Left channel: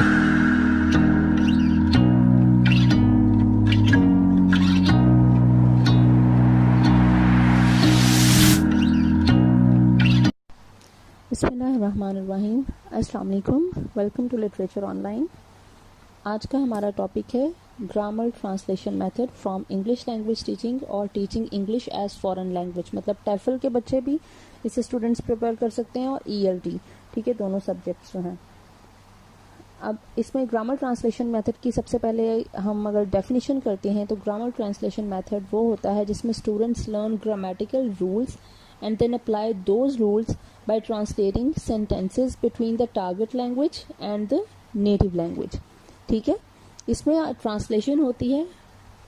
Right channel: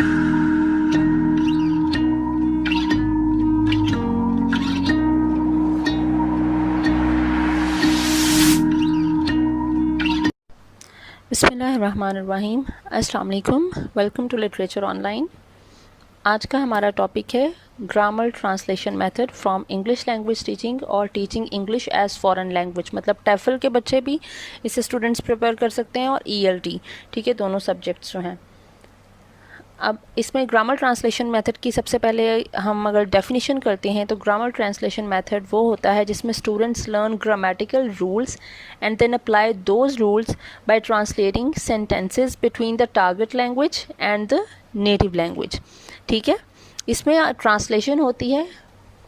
बिस्मिल्लाहिर्रहमानिर्रहीम। अस्सलाम वालेकुम। Welcome to literature online. आज का हमारा टॉपिक है grammar translation method from English language teaching और teaching English as foreign language. मतलब टेफल के बच्चे भी इसे स्टूडेंट्स प्रिपेयर कर सकते हैं और ELT, ठीक है, दोनों सब्जेक्ट्स जो हैं। अब इसमें ग्रामर ट्रांसलेशन मेथड की सबसे पहले हम अगर डेफिनेशन करते हैं तो ग्रामर ट्रांसलेशन मेथड वो होता है जिसमें students learn grammatical rules and then apply those rules by translating sentences between the target language and the native language. ठीक है, इसमें ट्रांसलेशन होती है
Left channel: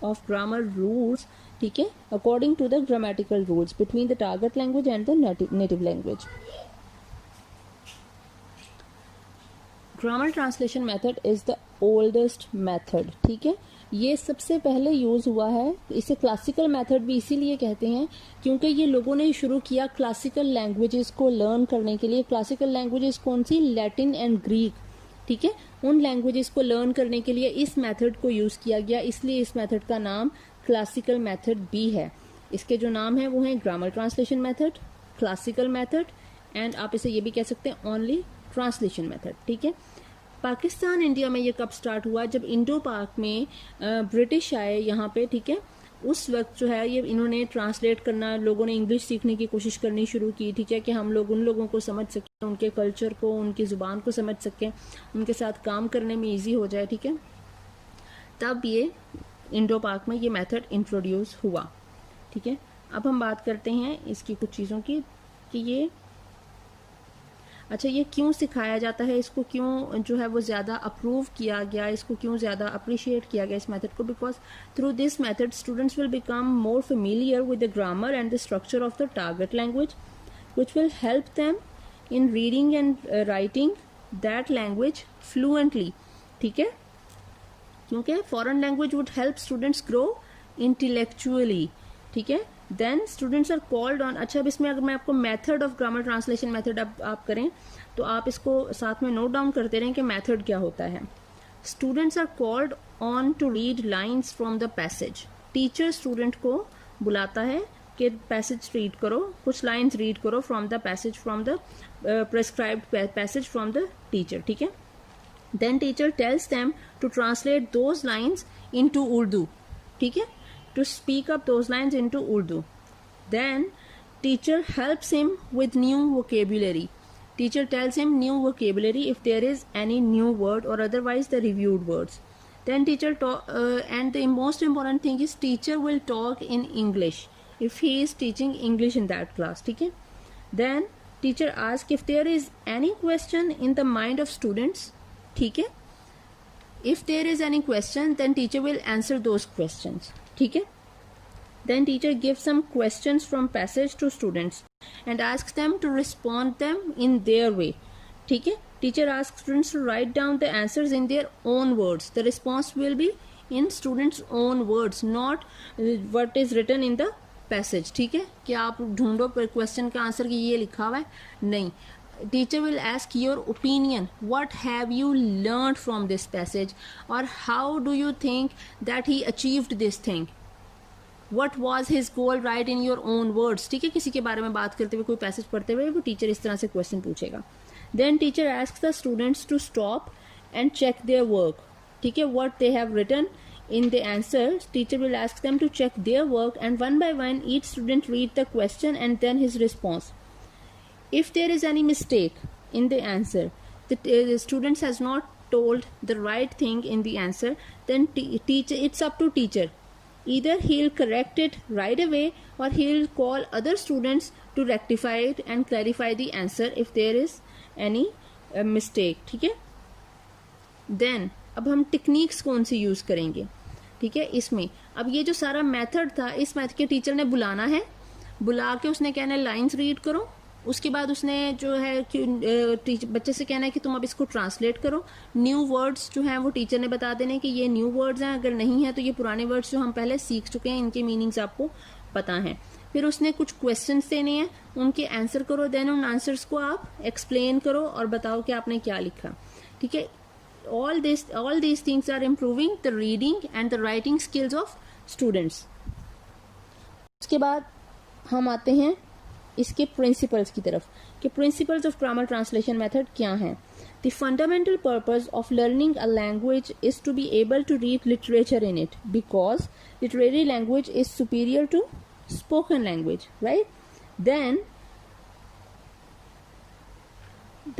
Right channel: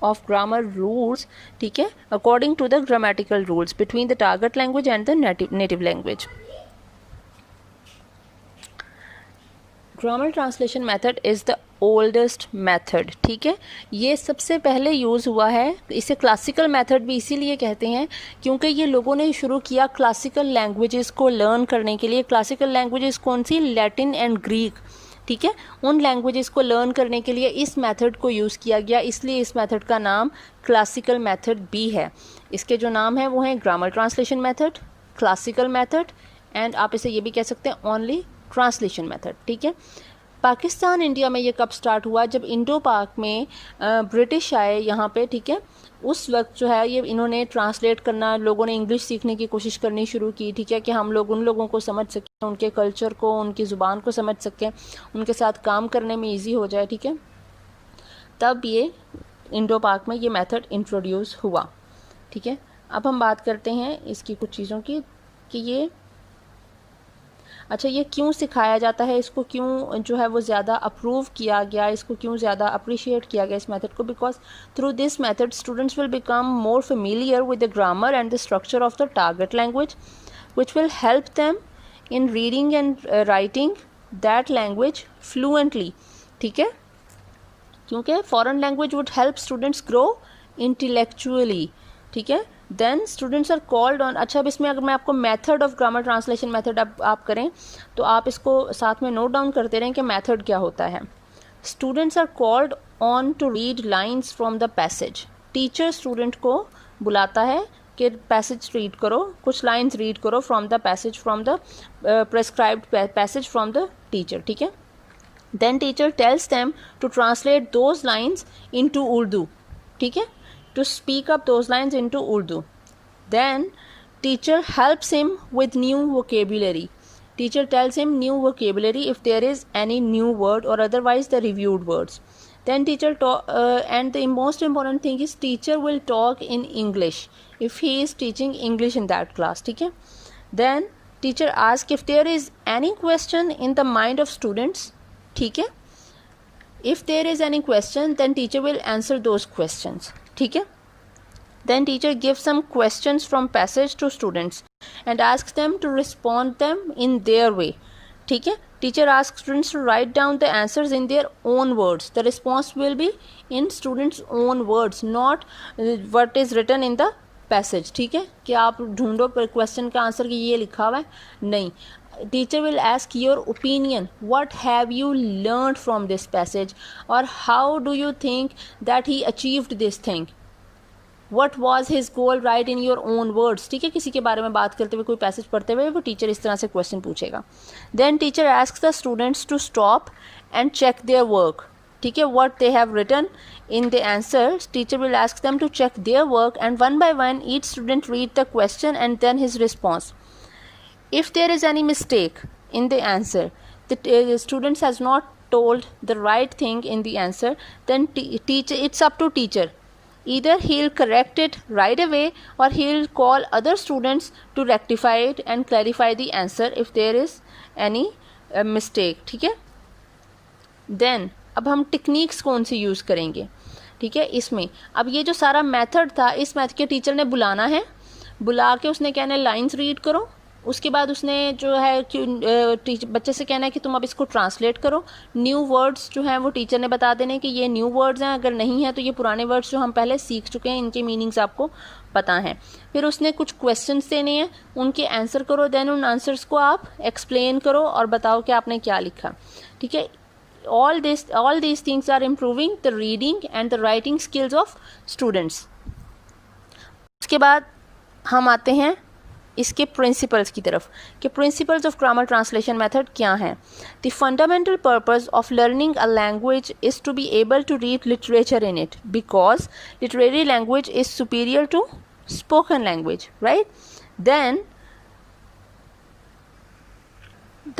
ऑफ ग्रामर रूल्स, ठीक है, according to the grammatical rules between the target language and the native language. Grammar translation method is the oldest method. ठीक है, ये सबसे पहले यूज़ हुआ है। इसे क्लासिकल मेथड भी इसीलिए कहते हैं क्योंकि ये लोगों ने शुरू किया क्लासिकल लैंग्वेजेस को लर्न करने के लिए। क्लासिकल लैंग्वेजेस कौन सी? Latin and Greek. ठीक है, उन लैंग्वेजेस को लर्न करने के लिए इस मेथड को यूज़ किया गया, इसलिए इस मेथड का नाम क्लासिकल मेथड भी है। इसके जो नाम है वो हैं grammar translation method, classical method and आप इसे ये भी कह सकते हैं ओनली ट्रांसलेशन मेथड। ठीक है, पाकिस्तान इंडिया में ये कब स्टार्ट हुआ? जब इंडो पाक में ब्रिटिश आए यहाँ पे, ठीक है, उस वक्त जो है ये इन्होंने ट्रांसलेट करना, लोगों ने इंग्लिश सीखने की कोशिश करनी शुरू की। ठीक है, कि हम लोग उन लोगों को समझ सकें, उनके कल्चर को, उनकी ज़ुबान को समझ सकें, उनके साथ काम करने में ईजी हो जाए। ठीक है, तब ये इंडो पाक में ये मेथड इंट्रोड्यूस हुआ। ठीक है, अब हम बात करते हैं इसकी कुछ चीज़ों की कि ये अच्छा ये क्यों सिखाया जाता है, इसको क्यों जो है वो ज़्यादा अप्रूव किया गया, इसको क्यों ज़्यादा अप्रिशिएट किया गया इस मेथड को? Because through this method students will become more familiar with the grammar and the structure of the target language which will help them in reading and writing that language fluently. ठीक है, क्योंकि foreign language would help students grow intellectually. ठीक है, then students are called on. अच्छा, अब इसमें अगर मैं आपको method of grammar translation method आप करें तो आप इसको साथ में नोट डाउन करते रहें कि मेथड क्या होता है। Students are called on to read lines from the passage. Teacher student को बुलाता है कि पैसेज रीड करो, कुछ लाइन्स रीड करो from the passage, from the prescribed passage from the teacher. ठीक है, then teacher tells them to translate those lines into Urdu. ठीक है, to speak up those lines into Urdu. Then teacher helps him with new vocabulary. Teacher tells him new vocabulary if there is any new word or otherwise the reviewed words. Then teacher and the most important thing is teacher will talk in English if he is teaching English in that class. ठीक है, then teacher asks if there is any question in the mind of students. ठीक है, if there is any question then teacher will answer those questions. ठीक है, then teacher gives some questions from passage to students and asks them to respond them in their way. ठीक है, teacher asks students to write down the answers in their own words. The response will be in students own words, not what is written in the passage. ठीक है, कि आप ढूंढो question का answer कि ये लिखा हुआ है, नहीं। Teacher will ask your opinion. What have you learned from this passage? Or how do you think that he achieved this thing? What was his goal? Write in your own words. ठीक है, किसी के बारे में बात करते हुए, कोई पैसेज पढ़ते हुए वो टीचर इस तरह से क्वेश्चन पूछेगा। Then teacher asks the students to stop and check their work. ठीक है, what they have written in the answers. Teacher will ask them to check their work and one by one each student read the question and then his response. If there is any mistake in the answer, the students has not told the right thing in the answer, then teacher, it's up to teacher. Either he'll correct it right away or he'll call other students to rectify it and clarify the answer if there is any mistake. ठीक है, then अब हम techniques कौन सी use करेंगे? ठीक है, इसमें अब ये जो सारा मेथड था, इस मेथड के टीचर ने बुलाना है, बुला के उसने कहना है लाइन्स रीड करो। उसके बाद उसने जो है कि बच्चे से कहना है कि तुम अब इसको ट्रांसलेट करो। न्यू वर्ड्स जो हैं वो टीचर ने बता देने कि ये न्यू वर्ड्स हैं, अगर नहीं है तो ये पुराने वर्ड्स जो हम पहले सीख चुके हैं, इनके मीनिंग्स आपको पता हैं। फिर उसने कुछ क्वेश्चंस देने हैं, उनके आंसर करो, देन उन आंसर्स को आप एक्सप्लेन करो और बताओ कि आपने क्या लिखा। ठीक है, all these things are improving the reading and the writing skills of students. उसके बाद हम आते हैं इसके प्रिंसिपल्स की तरफ कि principles of grammar translation method क्या हैं. The fundamental purpose of learning a language is to be able to read literature in it because literary language is superior to spoken language, right? Then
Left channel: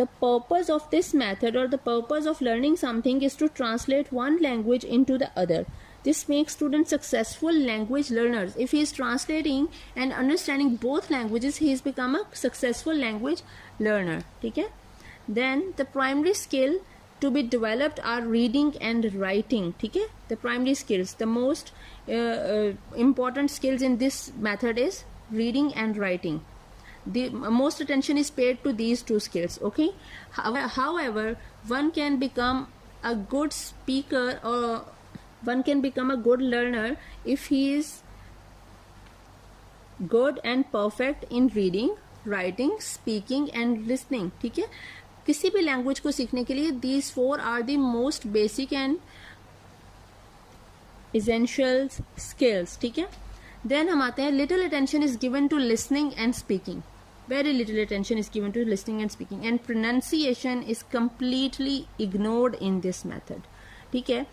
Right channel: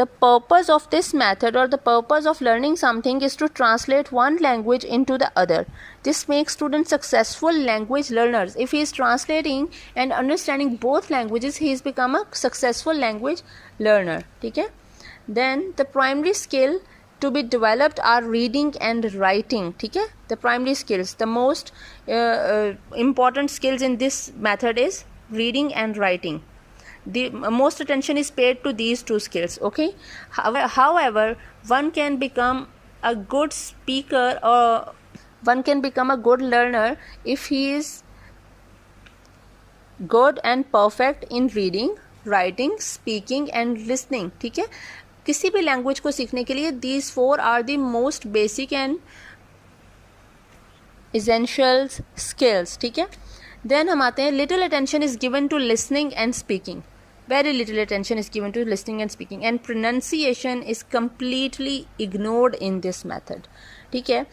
the purpose of this method or the purpose of learning something is to translate one language into the other. This makes students successful language learners. If he is translating and understanding both languages, he has become a successful language learner. ठीक है? Then the primary skill to be developed are reading and writing. ठीक है? The primary skills, the most important skills in this method is reading and writing. The most attention is paid to these two skills. Okay. However, one can become a good speaker or one can become a good learner if he is good and perfect in reading, writing, speaking and listening. ठीक है. किसी भी language को सीखने के लिए these four are the most basic and essential skills. ठीक है. Then हम आते हैं little attention is given to listening and speaking. Very little attention is given to listening and speaking and pronunciation is completely ignored in this method. ठीक है.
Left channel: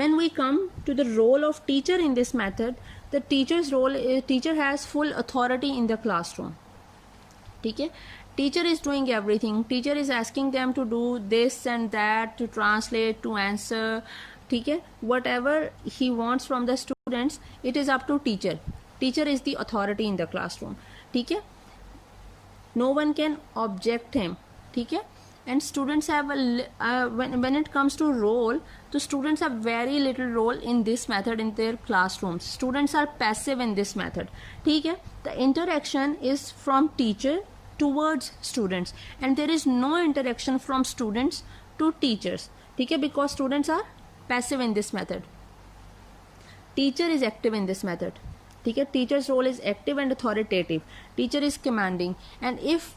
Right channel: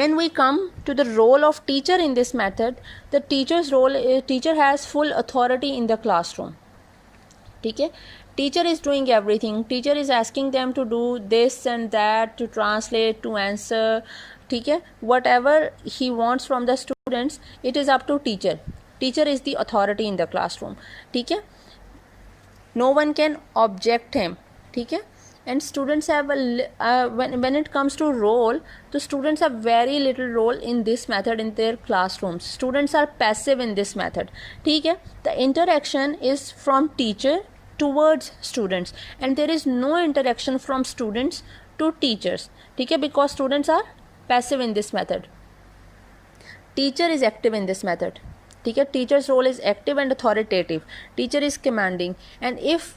When we come to the role of teacher in this method, the teacher's role is teacher has full authority in the classroom. ठीक है. Teacher is doing everything. Teacher is asking them to do this and that, to translate, to answer. ठीक है. Whatever he wants from the students, it is up to teacher. Teacher is the authority in the classroom. ठीक है. No one can object him. ठीक है. And students have when it comes to role, the students have very little role in this method in their classrooms. Students are passive in this method. ठीक है. The interaction is from teacher towards students and there is no interaction from students to teachers. ठीक है. Because students are passive in this method. Teacher is active in this method. ठीक है. Teacher's role is active and authoritative. Teacher is commanding and if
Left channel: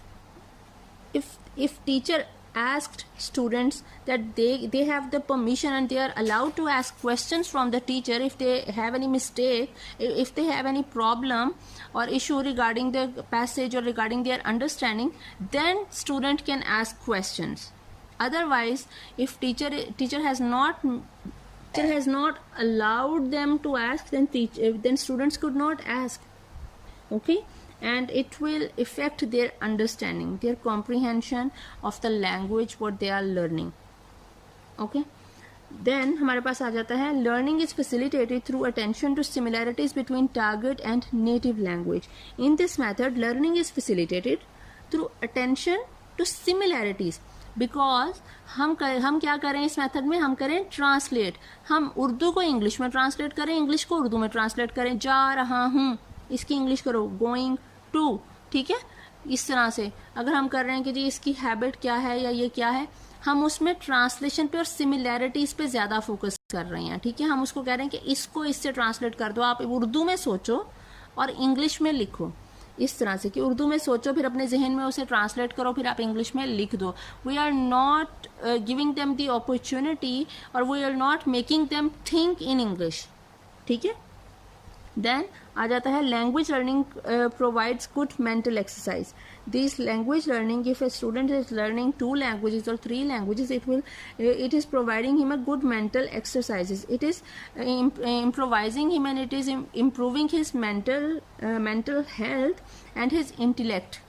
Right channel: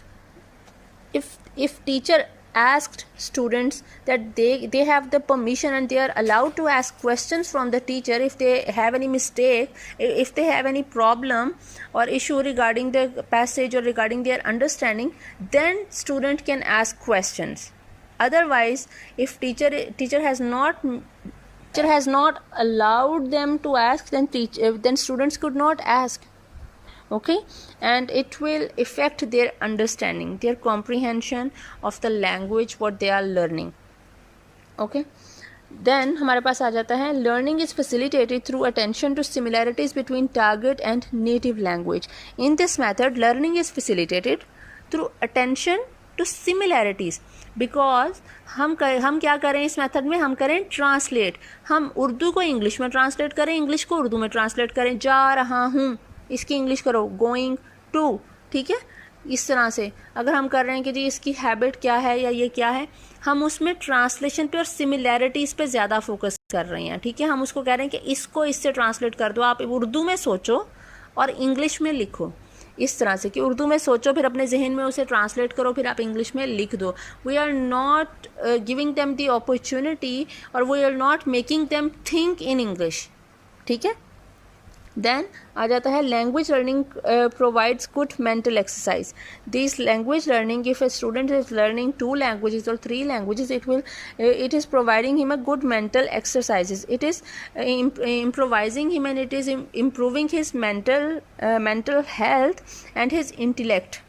teacher asked students that they have the permission and they are allowed to ask questions from the teacher if they have any mistake, if they have any problem or issue regarding the passage or regarding their understanding, then student can ask questions. Otherwise, if teacher has not allowed them to ask, then students could not ask. Okay. And it will affect their understanding, their comprehension of the language what they are learning. Okay. Then हमारे पास आ जाता है learning is facilitated through attention to similarities between target and native language. In this method, learning is facilitated through attention to similarities because हम क्या करें इस method में, हम करें ट्रांसलेट. हम उर्दू को इंग्लिश में ट्रांसलेट करें, इंग्लिश को उर्दू में ट्रांसलेट करें. जा रहा हूँ इसकी इंग्लिश करो गोइंग टू. ठीक है. इस तरह से अगर हम कर रहे हैं कि जी इसकी हैबिट क्या है या ये क्या है, हम उसमें ट्रांसलेशन पे और सिमिलैरिटीज़ पे ज़्यादा फोकस कर रहे हैं. ठीक है. हम उसको कह रहे हैं कि इसको इससे ट्रांसलेट कर दो, आप उर्दू में सोचो और इंग्लिश में लिखो. इस तरह से कि उर्दू में सोचो फिर अपने जहन में उसे ट्रांसलेट करो फिर आप इंग्लिश में लिख दो. We are not giving them the opportunity और we are not making them think in English. ठीक है. Then आ जाता है language learning provides good mental exercise. This language learning, if a student is learning 2 languages or 3 languages, it is providing him a good mental exercises. It is improvising him and it is improving his mental health and his intellect,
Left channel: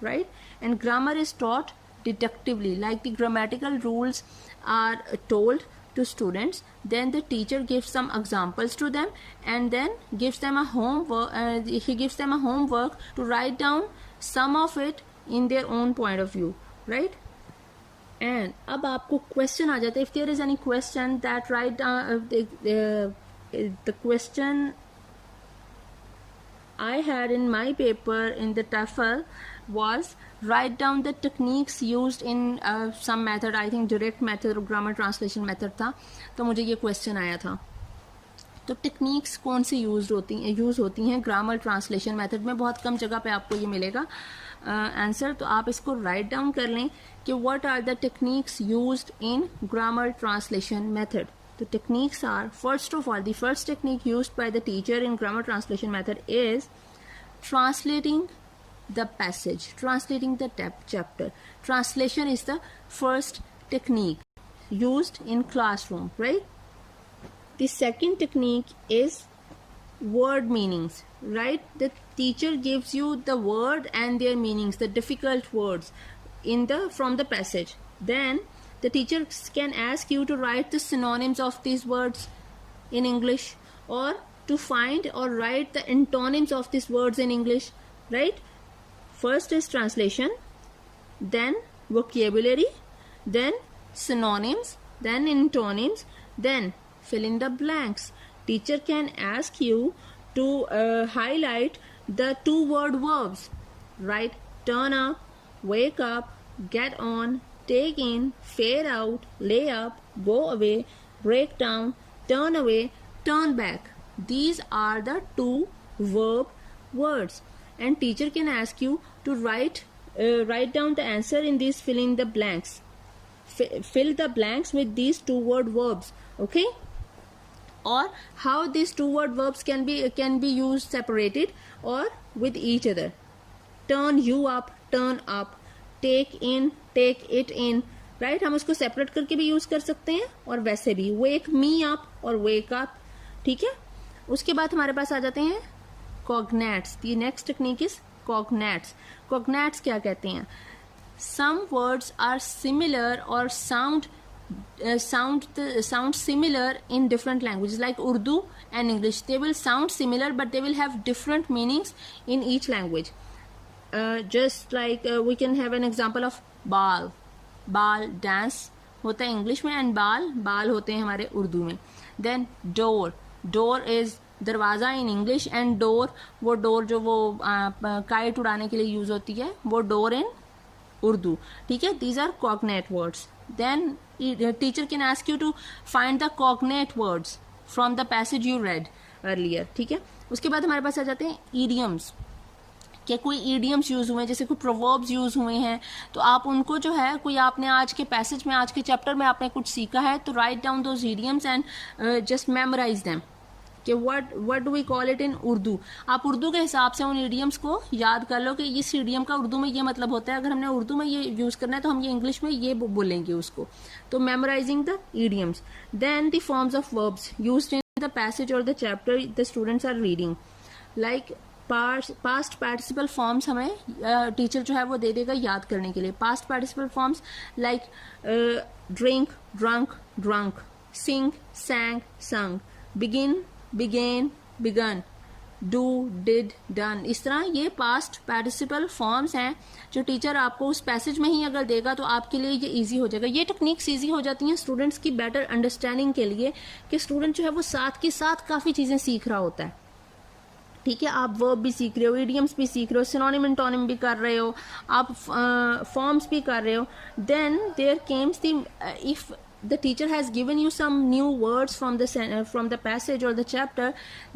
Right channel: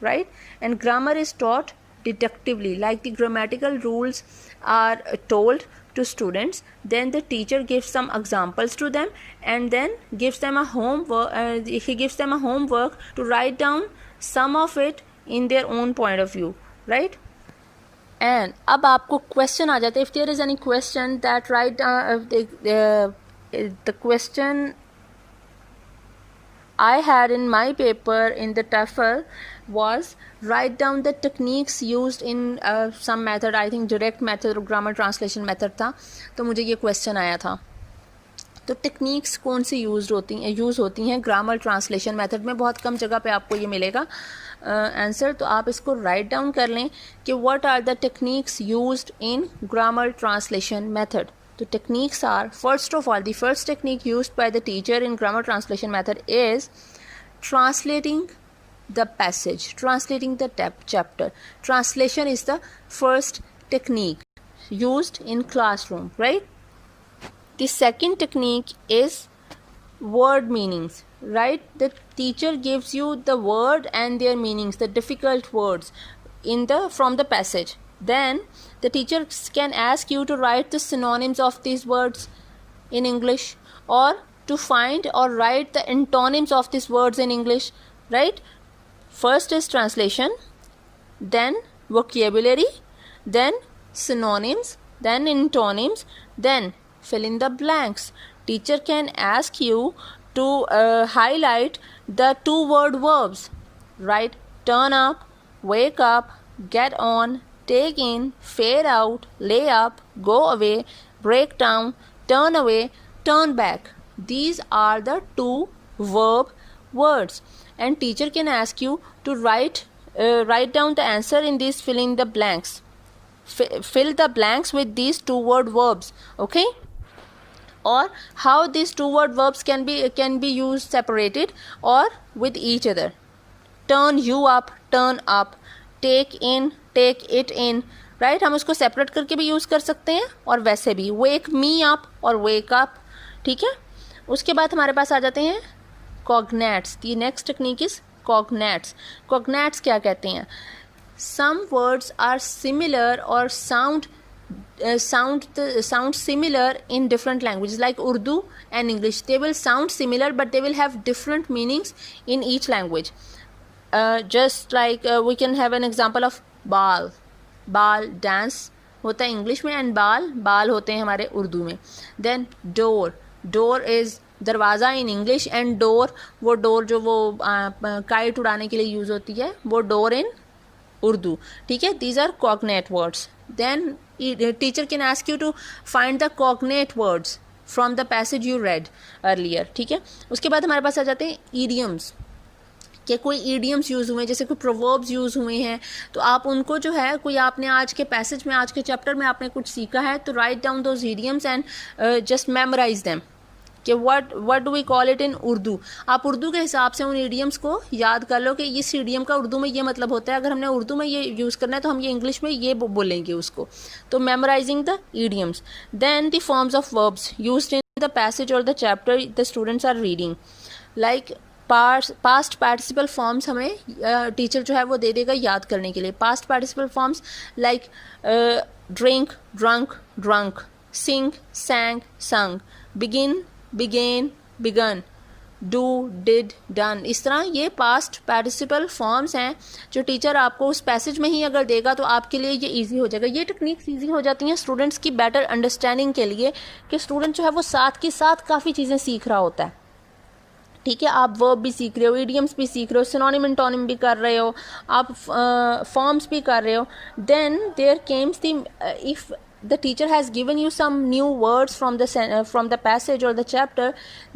right? And grammar is taught deductively, like the grammatical rules are told to students, then the teacher gives some examples to them and then gives them a homework. He gives them a homework to write down some of it in their own point of view, right? And अब आपको question आ जाता है. If there is any question that write down the question I had in my paper in the TOEFL was write down the techniques used in some method. I think direct method or grammar translation method था. तो मुझे ये question आया था. तो techniques कौन सी use होती हैं ग्रामर ट्रांसलेशन मेथड में. बहुत कम जगह पे आपको ये मिलेगा. आंसर, तो आप इसको राइट डाउन कर लें कि what are the techniques used in grammar translation method. The techniques are, first of all, the first technique used by the teacher in grammar translation method is translating the passage, translating the chapter. Translation is the first technique used in classroom, right? The second technique is word meanings, right? The teacher gives you the word and their meanings, the difficult words from the passage. Then the teacher can ask you to write the synonyms of these words in English, or to find or write the antonyms of these words in English, right? First is translation, then vocabulary, then synonyms, then antonyms, then fill in the blanks. Teacher can ask you to highlight the 2-word verbs, right? Turn up, wake up, get on, take in, fade out, lay up, go away, break down, turn away, turn back. These are the 2 verb words, and teacher can ask you to write down the answer in these, fill in the blanks. Fill the blanks with these 2-word verbs, okay? Or how these 2-word verbs can be used separated or with each other. Turn you up, turn up, take in, take it in, right? हम इसको separate करके भी use कर सकते हैं और वैसे भी. वेक मी अप और वेक अप, ठीक है? उसके बाद हमारे पास आ जाते हैं cognates. The next technique is cognates. Cognates क्या कहते हैं? सम वर्ड्स आर सिमिलर और sound similar in different languages, like Urdu and English. They will sound similar, but they will have different meanings in each language. Just like we can have an example of बाल. बाल dance होता है English में, and बाल होते हैं हमारे उर्दू में. देन डोर इज दरवाज़ा इन इंग्लिश, एंड वो डोर जो वो काइट उड़ाने के लिए यूज़ होती है, वो डोर इन उर्दू, ठीक है? These are cognate words. Then teacher can ask you to find the cognate words from the passage you read earlier, ठीक है? उसके बाद हमारे पास आ जाते हैं ईडियम्स. कि कोई ईडियम्स यूज़ हुए हैं, जैसे कोई प्रोवर्ब्स यूज़ हुए हैं, तो आप उनको जो है, कोई आपने आज के पैसेज में, आज के चैप्टर में आपने कुछ सीखा है, तो write down those idioms and just memorise them कि what do we call it in Urdu. आप उर्दू के हिसाब से उन ईडियम्स को याद कर लो कि इस ईडियम का उर्दू में ये मतलब होता है. अगर हमने उर्दू में ये यूज़ करना है तो हम ये इंग्लिश में ये बोलेंगे उसको. तो memorising the idioms. Then the forms of verbs used in the passage और the chapter the students are reading. Like past participle forms हमें टीचर जो है वो दे देगा याद करने के लिए. Past participle forms like drink, drunk, drunk, sing, sang, sung, begin, began, begun, do, did, done. इस तरह ये पास्ट पार्टिसिपल फॉर्म्स हैं जो टीचर आपको उस पैसेज में ही अगर देगा तो आपके लिए ये इजी हो जाएगा. ये टेक्निक्स इजी हो जाती हैं स्टूडेंट्स की बेटर अंडरस्टैंडिंग के लिए, कि स्टूडेंट जो है वो साथ के साथ काफ़ी चीज़ें सीख रहा होता है, ठीक है? आप वर्ब भी सीख रहे हो, इडियम्स भी सीख रहे हो, सिनोनिम एंटोनिम भी कर रहे हो, आप फॉर्म्स भी कर रहे हो. Then there comes the if the teacher has given you some new words from the passage or the chapter,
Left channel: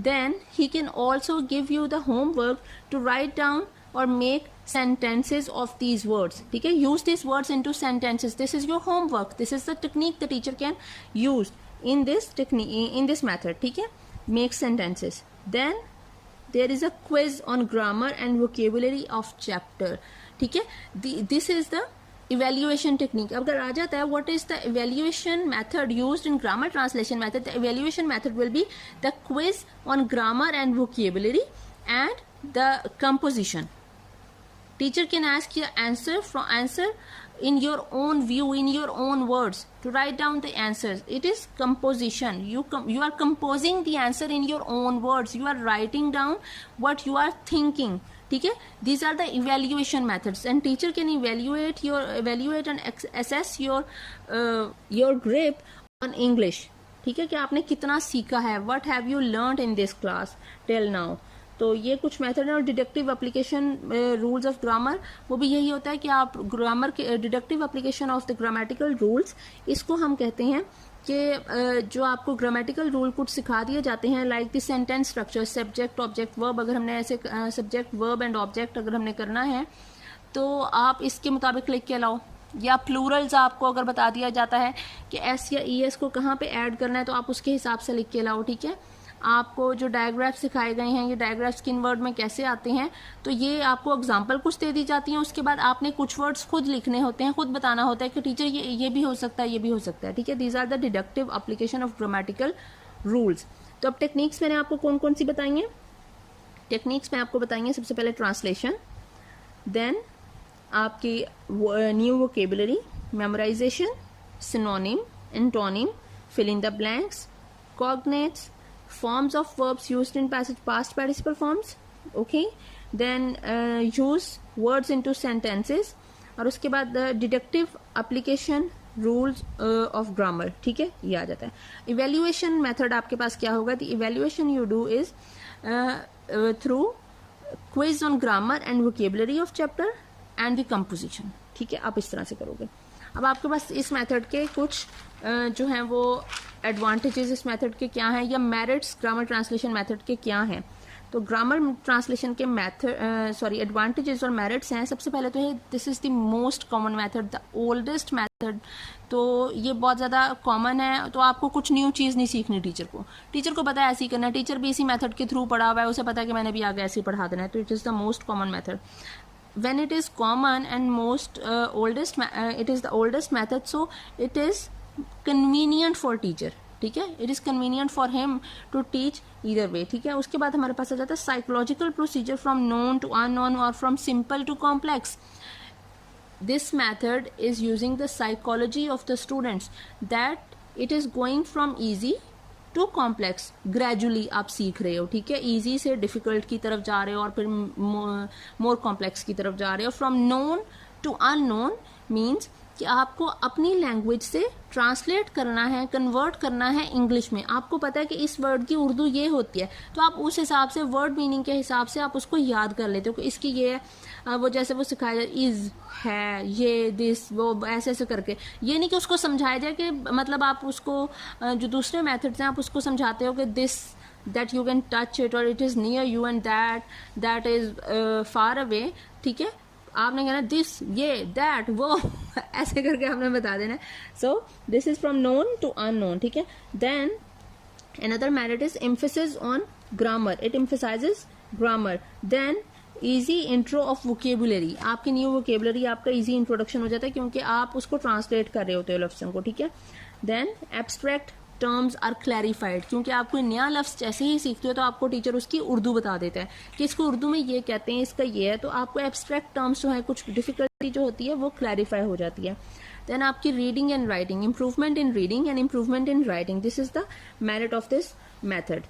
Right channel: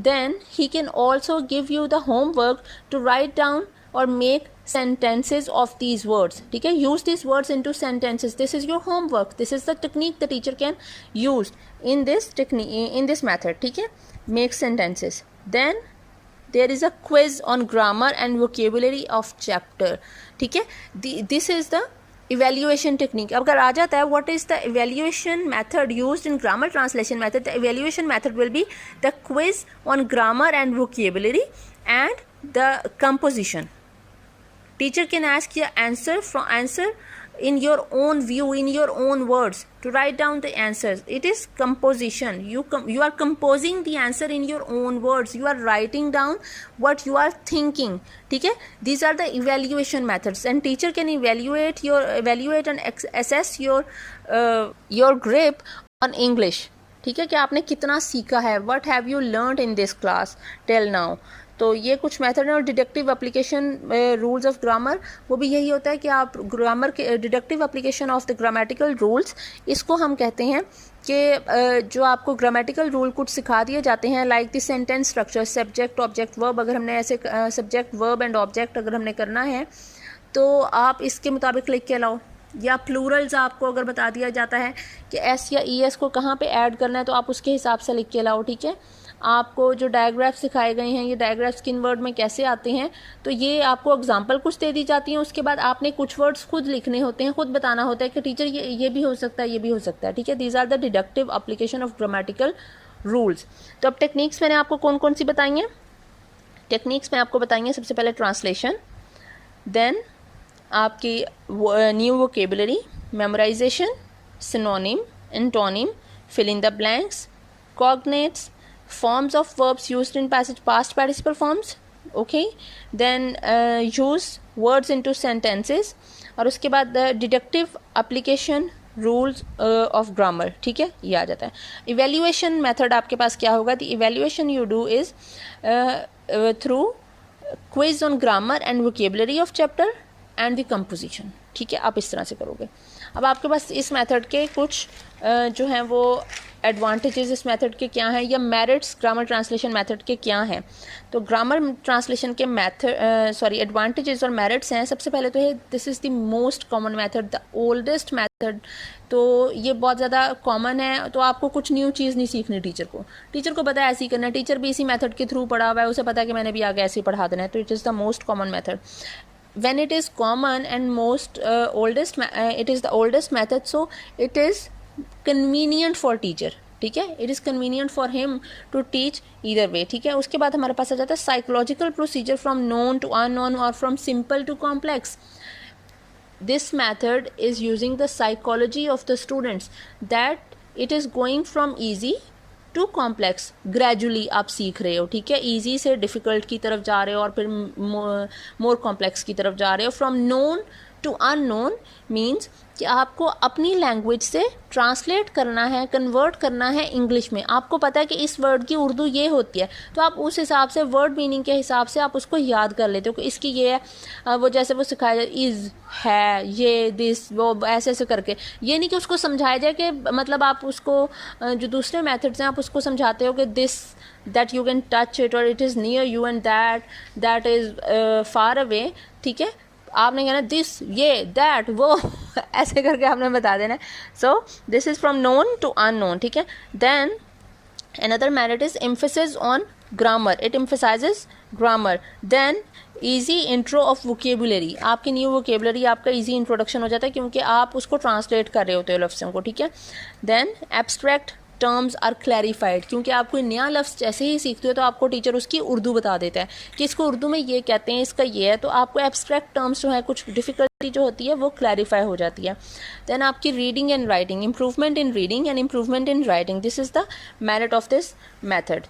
then he can also give you the homework to write down or make sentences of these words, ठीक है? Use these words into sentences. This is your homework. This is the technique the teacher can use in this method, ठीक है? Make sentences. Then there is a quiz on grammar and vocabulary of chapter, ठीक है? This is the evaluation technique. अगर आ जाता है what is the evaluation method used in grammar translation method, the evaluation method will be the quiz on grammar and vocabulary and the composition. Teacher can ask you answer in your own view, in your own words, to write down the answers. It is composition. You are composing the answer in your own words. You are writing down what you are thinking, ठीक है? These are the evaluation methods, and teacher can evaluate and assess your grip on English, ठीक है? कि आपने कितना सीखा है. What have you learned in this class till now? तो ये कुछ मेथड है. और deductive application rules of grammar, वो भी यही होता है कि आप ग्रामर के deductive application of the grammatical rules, इसको हम कहते हैं कि जो आपको ग्रामेटिकल रूल कुछ सिखा दिए जाते हैं, like the sentence structure, subject, object, verb. अगर हमने ऐसे सब्जेक्ट, वर्ब एंड ऑब्जेक्ट अगर हमने करना है तो आप इसके मुताबिक लिख के लाओ, या प्लूरल्स आपको अगर बता दिया जाता है कि एस या ई एस को कहाँ पे ऐड करना है तो आप उसके हिसाब से लिख के लाओ, ठीक है। आपको जो डायग्राफ्स सिखाए गए हैं, ये डायग्राफ्स किन वर्ड में कैसे आते हैं, तो ये आपको एग्जांपल कुछ दे दी जाती हैं, उसके बाद आपने कुछ वर्ड्स खुद लिखने होते हैं, खुद बताना होता है कि टीचर ये भी हो सकता है, ये भी हो सकता है, ठीक है। These are the deductive application of grammatical rules. तो अब टेक्निक्स मैंने आपको कौन कौन सी बताई हैं। टेक्निक्स में आपको बताएंगे सबसे पहले ट्रांसलेशन, देन आपकी new vocabulary, memorisation, synonym, antonym, fill in the blanks, cognates, forms of verbs used in past participle forms, okay, then use words into sentences, और उसके बाद deductive application rules of grammar, ठीक है, ये आ जाता है। Evaluation method आपके पास क्या होगा, the evaluation you do is through quiz on grammar and vocabulary of chapter and the composition, ठीक है, आप इस तरह से करोगे। अब आपके पास इस मेथड के कुछ जो हैं वो एडवांटेजेस इस मेथड के क्या हैं, या मेरिट्स ग्रामर ट्रांसलेशन मेथड के क्या हैं। तो ग्रामर ट्रांसलेशन के एडवांटेजेस और मेरिट्स हैं। सबसे पहले तो है this is the most common method, the oldest method. तो ये बहुत ज़्यादा कॉमन है, तो आपको कुछ न्यू चीज़ नहीं सीखनी टीचर को पता है ऐसे ही करना है, टीचर भी इसी मेथड के थ्रू पढ़ा हुआ है, उसे पता है कि मैंने भी आगे ऐसे ही पढ़ा देना है, तो it is the most common method. When it is common and it is the oldest method, so it is convenient for teacher, ठीक है, it is convenient for him to teach either way, ठीक है। उसके बाद हमारे पास आ जाता है psychological procedure from known to unknown और from simple to complex. This method is using the psychology of the students, that it is going from easy to complex, gradually आप सीख रहे हो, ठीक है, ईजी से डिफ़िकल्ट की तरफ जा रहे हो और फिर मोर कॉम्प्लेक्स की तरफ जा रहे हो। From known to unknown means कि आपको अपनी लैंग्वेज से ट्रांसलेट करना है, कन्वर्ट करना है इंग्लिश में। आपको पता है कि इस वर्ड की उर्दू ये होती है, तो आप उस हिसाब से वर्ड मीनिंग के हिसाब से आप उसको याद कर लेते हो कि इसकी ये है, वो जैसे वो सिखाया जाए इज़ है, ये दिस वो, ऐसे ऐसे करके। ये नहीं कि उसको समझाया जाए कि मतलब आप उसको जो दूसरे मेथड्स हैं आप उसको समझाते हो कि this that you can touch it और it is near you and that is far away, ठीक है। आपने कहना दिस, ये, दैट, वो ऐसे करके आपने बता देना है। So this is from known to unknown, ठीक है। Then another merit is emphasis on grammar, it emphasises grammar. Then easy intro of vocabulary, आपकी न्यू वोकेबुलरी आपका ईजी इंट्रोडक्शन हो जाता है क्योंकि आप उसको ट्रांसलेट कर रहे होते हो लफ्ज़ों को, ठीक है। Then abstract terms are clarified, क्योंकि आप कोई नया लफ्ज़ जैसे ही सीखते हो तो आपको टीचर उसकी उर्दू बता देता है कि इसको उर्दू में ये कहते हैं, इसका ये है, तो आपको एब्स्ट्रैक्ट टर्म्स जो है कुछ डिफ़िकल्टी जो होती है वो क्लैरिफाई हो जाती है। देन आपकी reading and writing, improvement in reading and improvement in writing, this is the merit of this method.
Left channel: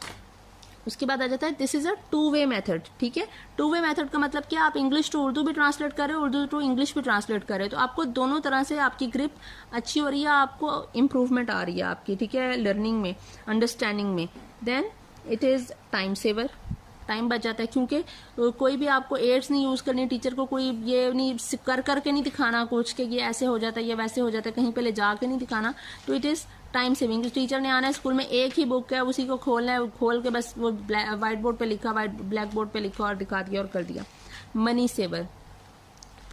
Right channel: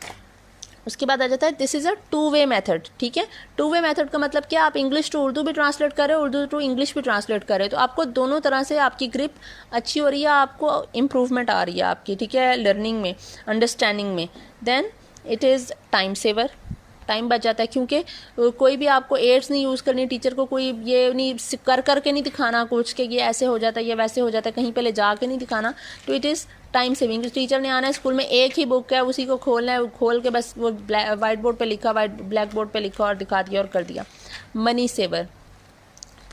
उसके बाद आ जाता है this is a two way method, ठीक है। टू वे मेथड का मतलब क्या, आप इंग्लिश टू उर्दू भी ट्रांसलेट कर रहे हो, उर्दू टू इंग्लिश भी ट्रांसलेट कर रहे हो, तो आपको दोनों तरह से आपकी ग्रिप अच्छी हो रही है, आपको इम्प्रूवमेंट आ रही है आपकी, ठीक है, लर्निंग में, अंडरस्टैंडिंग में। Then it is time saver, time बच जाता है क्योंकि कोई भी आपको एड्स नहीं यूज़ करनी, टीचर को कोई ये नहीं करके नहीं दिखाना कुछ कि ये ऐसे हो जाता है, ये वैसे हो जाता है, कहीं पे ले जा के नहीं दिखाना, तो it is time saving. Teacher ने आना है स्कूल में, एक ही बुक है, उसी को खोलना है, खोल के बस वो वाइट बोर्ड पे लिखा, ब्लैक बोर्ड पे लिखा और दिखा दिया और कर दिया। मनी सेवर,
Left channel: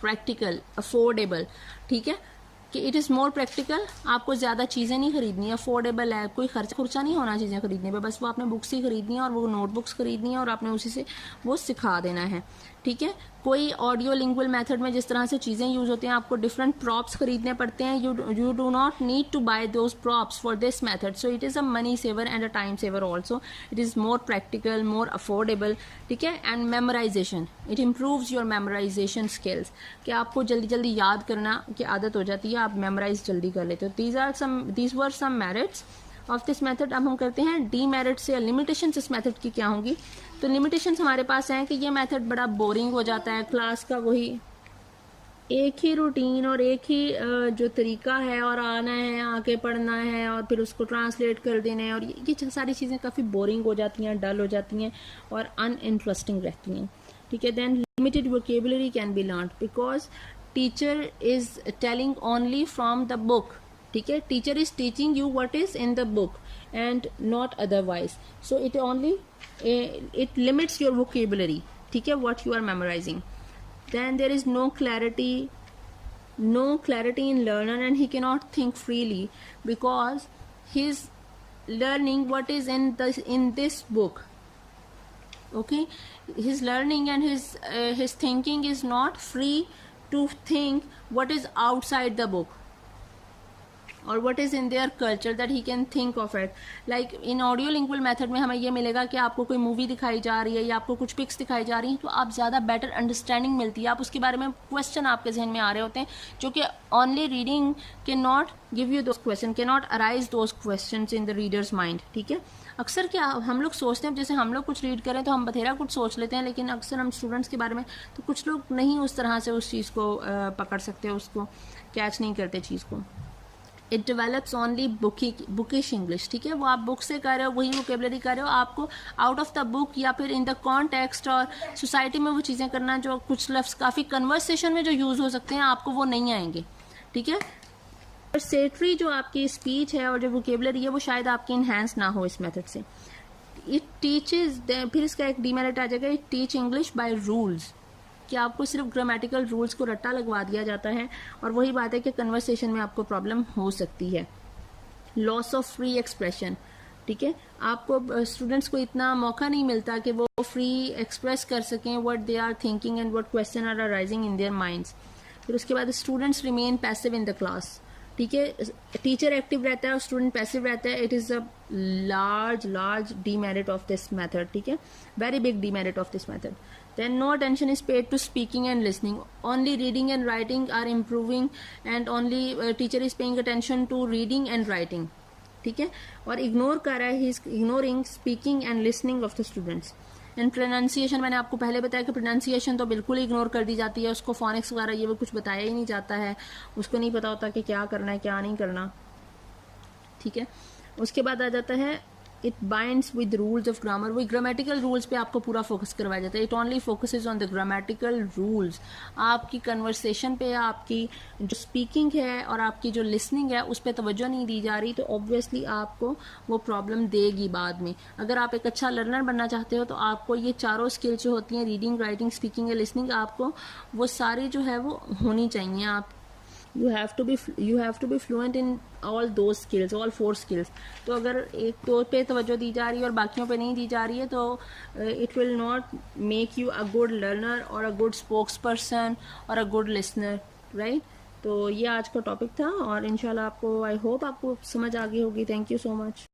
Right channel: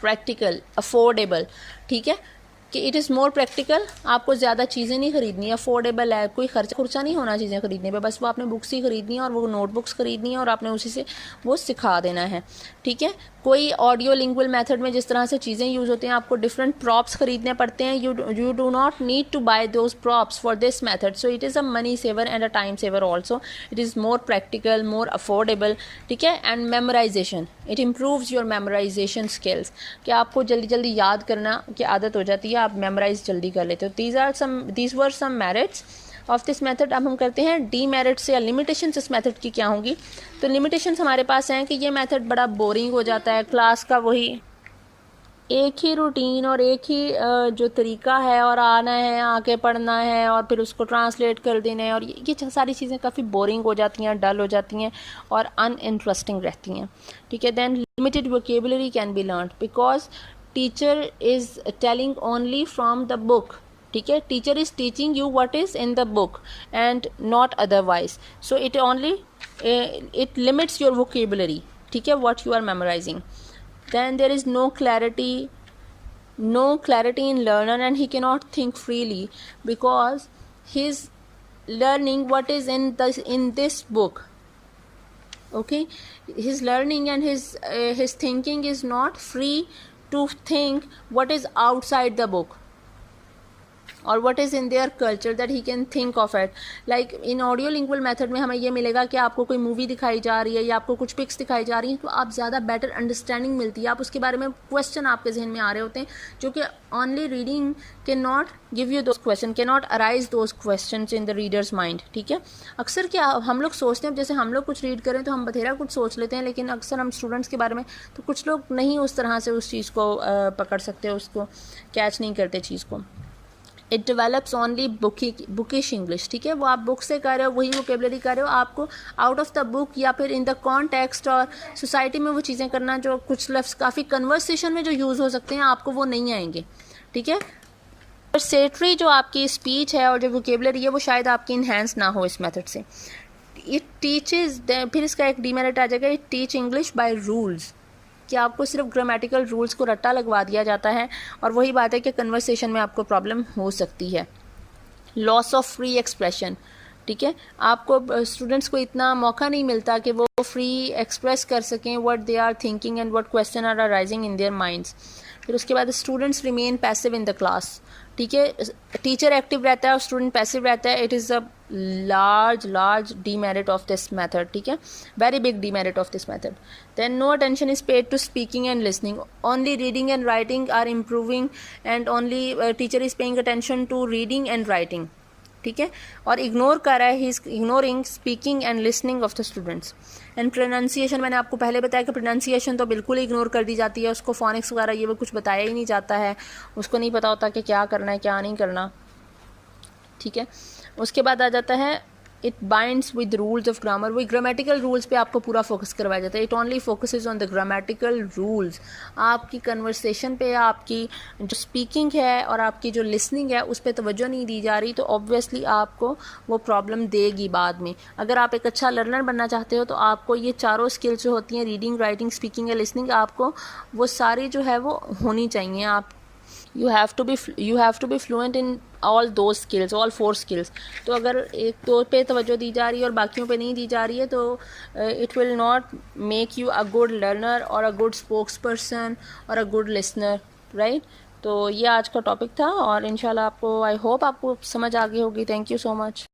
प्रैक्टिकल, अफोर्डेबल, ठीक है, कि इट इज़ मोर प्रैक्टिकल, आपको ज़्यादा चीज़ें नहीं खरीदनी, अफोर्डेबल है, कोई खर्चा नहीं होना चीज़ें खरीदने पे, बस वो आपने बुक्स ही खरीदनी है और वो नोटबुक्स खरीदनी है और आपने उसी से वो सिखा देना है, ठीक है। कोई ऑडियो लिंगुअल मेथड में जिस तरह से चीज़ें यूज़ होती हैं, आपको डिफरेंट प्रॉप्स खरीदने पड़ते हैं, you do not need to buy those props for this method, so it is a money saver and a time saver also, it is more practical, more affordable, ठीक है। And memorisation, it improves your memorisation skills, कि आपको जल्दी जल्दी याद करना की आदत हो जाती है, आप मेमोराइज जल्दी कर लेते हो। These were some merits of this method. अब हम करते हैं डी मेरिट्स या लिमिटेशंस इस मेथड की क्या होंगी। तो लिमिटेशंस हमारे पास हैं कि ये मेथड बड़ा बोरिंग हो जाता है, क्लास का वही एक ही रूटीन और एक ही जो तरीका है, और आना है, आके पढ़ना है और फिर उसको ट्रांसलेट कर देना है, और ये सारी चीज़ें काफ़ी बोरिंग हो जाती हैं, डल हो जाती हैं और अनइंटरेस्टिंग रहती हैं, ठीक है। Then limited vocabulary can be learn because teacher is telling only from the book, ठीक है, teacher is teaching you what is in the book and not otherwise, so it limits your vocabulary, ठीक है, what you are memorising. then there is no clarity in learner, and he cannot think freely because he's learning what is in this book. Okay, his learning and his thinking is not free to think what is outside the book or what is in their culture, that he can think of it. Like in audio lingual method में हमें ये मिलेगा कि आपको कोई movie दिखाई जा रही है या आपको कुछ पिक्स दिखाई जा रही हैं, तो आप ज़्यादा बेटर अंडरस्टैंडिंग मिलती है, आप उसके बारे में क्वेश्चन आपके जहन में आ रहे होते हैं, जो कि only reading can not give you those question, can not arise those question in the readers mind. ठीक है, अक्सर क्या हम लोग सोचते हैं, जैसे हम लोग कुछ रीड करें तो हम बथेरा कुछ सोच लेते हैं, लेकिन अक्सर हम स्टूडेंट्स के बारे में तो कुछ लोग नहीं उस तरह से उस चीज़ को पकड़ सकते, उसको कैच नहीं करते चीज़ को. It develops only bookish English. ठीक है, वो आप बुक से कर रहे हो, वही वोकेबलरी कर रहे हो, आपको आउट ऑफ द बुक या फिर इन द कॉन्टेक्स्ट और सोसाइटी में वो चीज़ें करना, जो कुछ लफ्ज़ काफ़ी कन्वर्सेशन में जो यूज़ हो सकते हैं, आपको वो नहीं आएंगे. ठीक है, और सेटरी जो आपकी स्पीच है और जो वोकेबलरी है वो शायद आपकी इन्हेंस ना हो इस मेथड से. इट टीचेज, फिर इसका एक डीमेरिट आ जाएगा, it teach English by rules, कि आपको सिर्फ ग्रामेटिकल रूल्स को रट्टा लगवा दिया जाता है, और वही बात है कि कन्वर्सेशन में आपको प्रॉब्लम हो सकती है. Loss of free expression. ठीक है, आपको स्टूडेंट्स को इतना मौका नहीं मिलता कि वो फ्री एक्सप्रेस कर सकें what they are thinking and what question are arising in their minds. फिर उसके बाद students remain passive in the class. ठीक है, टीचर एक्टिव रहता है और स्टूडेंट पैसिव रहता है. It is a large demerit of this method. ठीक है, very big demerit of this method. Then no attention is paid to speaking and listening. Only reading and writing are improving, and only teacher is paying attention to reading and writing. ठीक है, और ignore कर रहा है, he is ignoring speaking and listening of the students. And pronunciation, मैंने आपको पहले बताया कि प्रोनाउंसिएशन तो बिल्कुल इग्नोर कर दी जाती है, उसको फोनिक्स वगैरह ये वो कुछ बताया ही नहीं जाता है, उसको नहीं पता होता कि क्या करना है क्या नहीं करना. ठीक है, उसके बाद आ जाता है it binds with rules of grammar. वही ग्रामेटिकल रूल्स पे आपको पूरा फोकस करवाया जाता है. It only focuses on the grammatical rules. आपकी कन्वर्सेशन पे, आपकी जो स्पीकिंग है और आपकी जो लिसनिंग है उस पर तवज्जो नहीं दी जा रही, तो ऑब्वियसली आपको वो प्रॉब्लम देगी बाद में. अगर आप एक अच्छा लर्नर बनना चाहते हो तो आपको ये चारों स्किल्स जो होती हैं, रीडिंग, राइटिंग, स्पीकिंग या लिसनिंग, आपको वो सारी जो है वो होनी चाहिए. आप you have to be fluent in all those skills, all 4 skills. तो अगर एक दो पे तवज्जो दी जा रही है और बाकियों पे नहीं दी जा रही है, तो it will not make you a good learner or a good spokesperson or a good listener, right? तो ये आज का टॉपिक था, और इंशाल्लाह आपको, आई होप आपको समझ आ गई होगी. Thank you so much.